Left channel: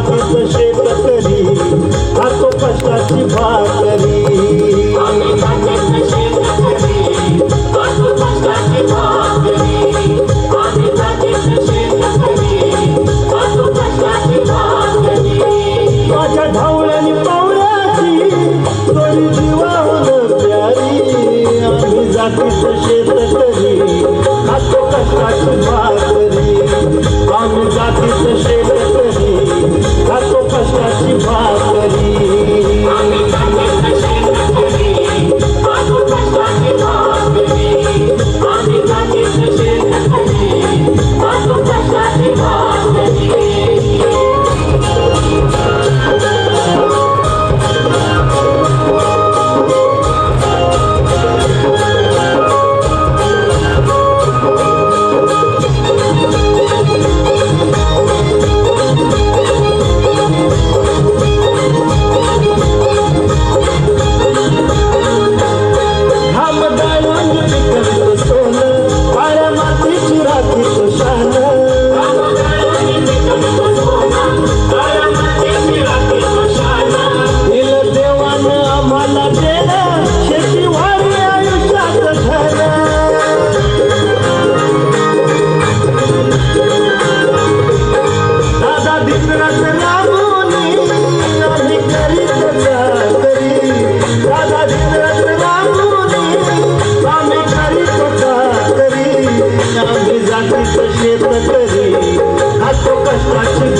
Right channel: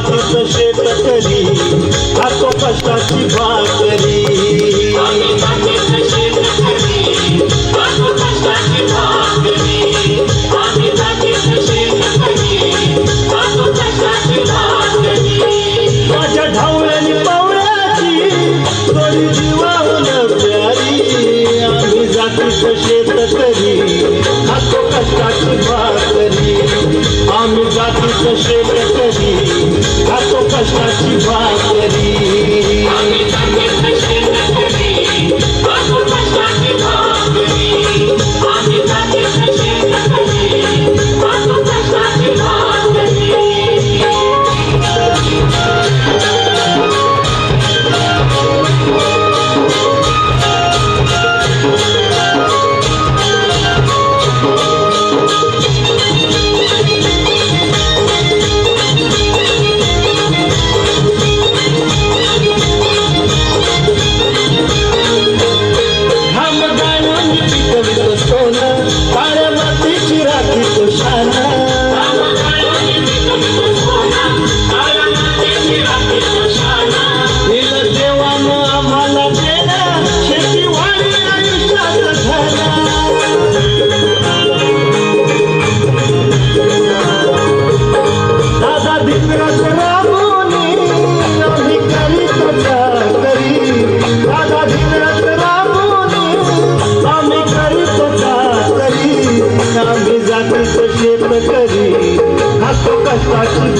आधीच शेतकरी आतो कष्टाची भाकरी. माझ्या ढावळ्यानी पावळ्याची थोडी जीवाहून प्यारी. आम्ही जातीच शेतकरी आतो कष्टाची Thank you.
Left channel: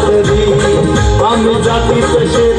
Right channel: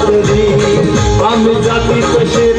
आम्ही जातीच शेतकरी